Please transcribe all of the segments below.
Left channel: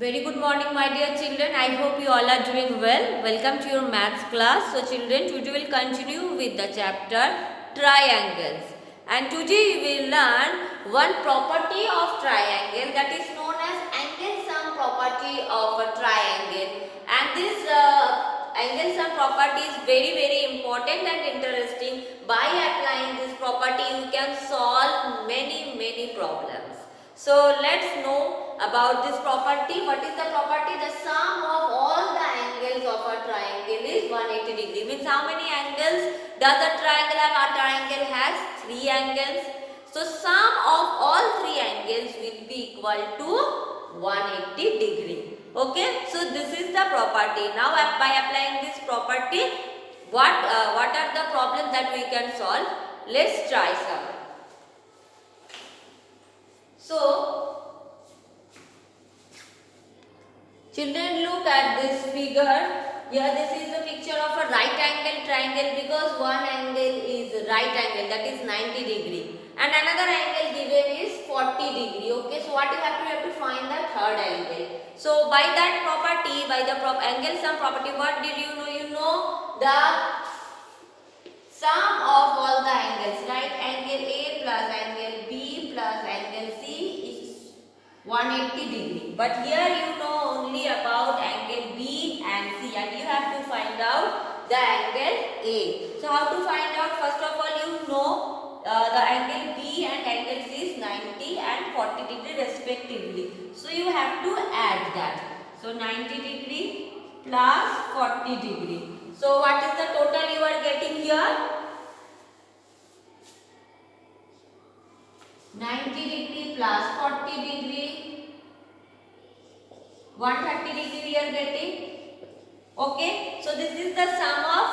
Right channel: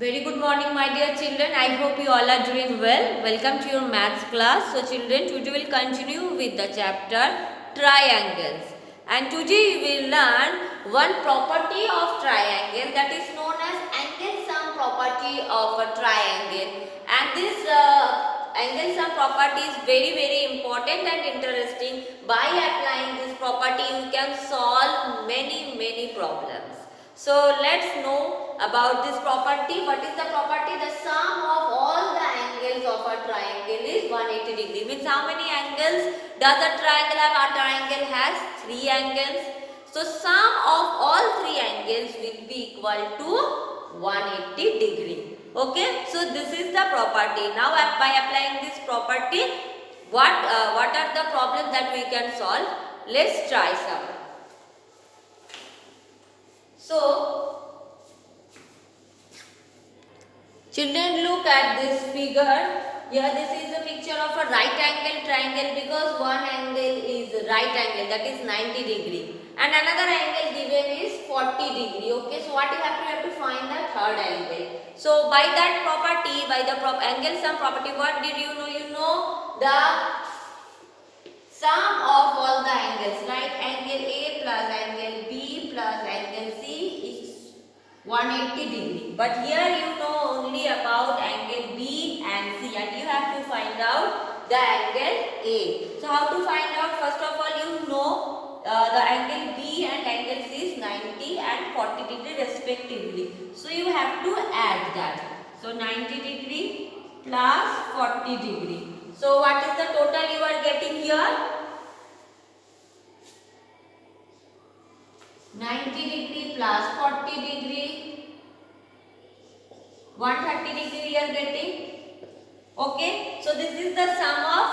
Very good morning, my dear children. I hope you all are doing well. Welcome to your maths class. So children, today we will continue with the chapter triangles. And today we will learn one property of triangle, that is known as angle sum property of a triangle. And this angle sum property is very important and interesting. By applying this property, you can solve many problems. So let's know about this property. What is the property? The sum of all the angles of a triangle is 180 degree. Means how many angles does a triangle have? A triangle has 3 angles. So sum of all 3 angles will be equal to 180 degree. Okay. So this is the property. Now by applying this property, what are the problems that we can solve? Let's try some. So, children, look at this figure. Here this is the picture of a right angle triangle, because one angle is right angle, that is 90 degree, and another angle given is 40 degree. Okay, so what you have to find the third angle. So by that property, by the angle sum property, what did you know? You know the sum of all the angles, right? Angle A plus angle B plus angle C is 180 degree. But here you know only about angle B and C, and you have to find out the angle A. So how to find out? First of all, you know the angle B and angle C is 90 and 40 degree respectively. So you have to add that. So 90 degree plus 40 degree. So what is the total you are getting here? 90 degree plus 40 degree, 130 degree we are getting. Okay, so this is the sum of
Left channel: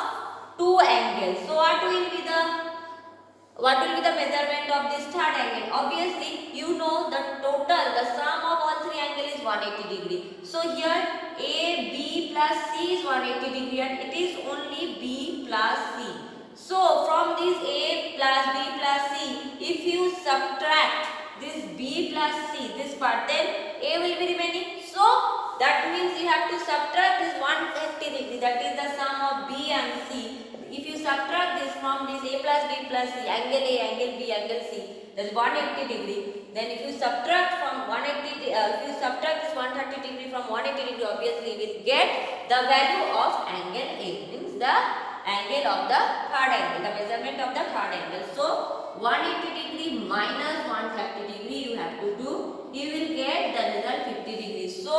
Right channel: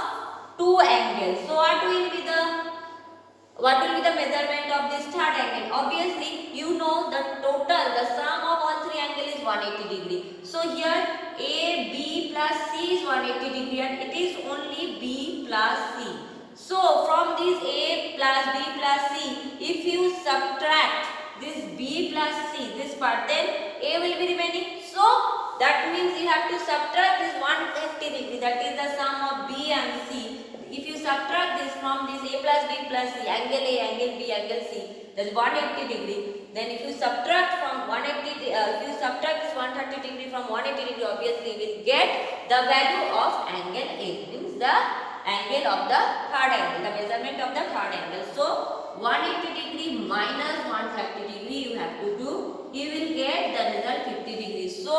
two angles. So what will be the measurement of this third angle? Obviously, you know the total, the sum of all 3 angles is 180 degree. So here A, B plus C is 180 degree, and it is only B plus C. So from this A plus B plus C, if you subtract this B plus C, this part, then A will be remaining. So that means you have to subtract this 180 degree, that is the sum of B and C. If you subtract this from this A plus B plus C, angle A, angle B, angle C, that is 180 degree. Then if you subtract from 180, if you subtract this 130 degree from 180 degree, obviously you will get the value of angle A, means the angle of the third angle, the measurement of the third angle. So 180 degree minus 130 degree you have to do. You will get the result 50 degrees. So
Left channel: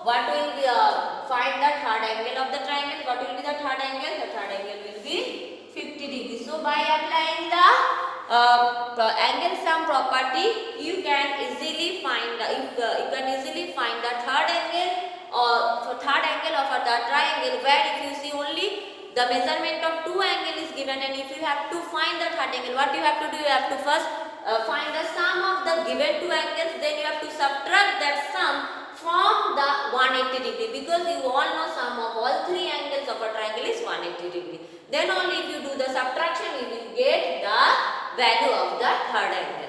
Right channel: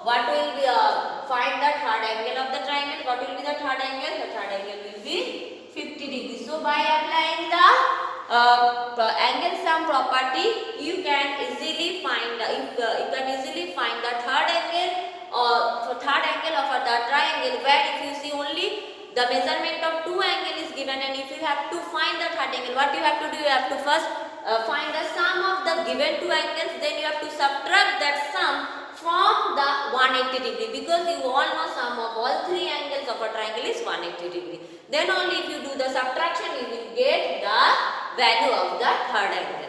what will be, find the third angle of the triangle? What will be the third angle? The third angle will be 50 degrees. So by applying the angle sum property, you can easily find the third angle, or third angle of the triangle, where if you see only the measurement of two angles is given, and if you have to find the third angle, what you have to do? You have to first find the sum of the given two angles, then you have to subtract that sum from the 180 degree, because you all know sum of all 3 angles of a triangle is 180 degree. Then only if you do the subtraction, you will get the value of the third angle.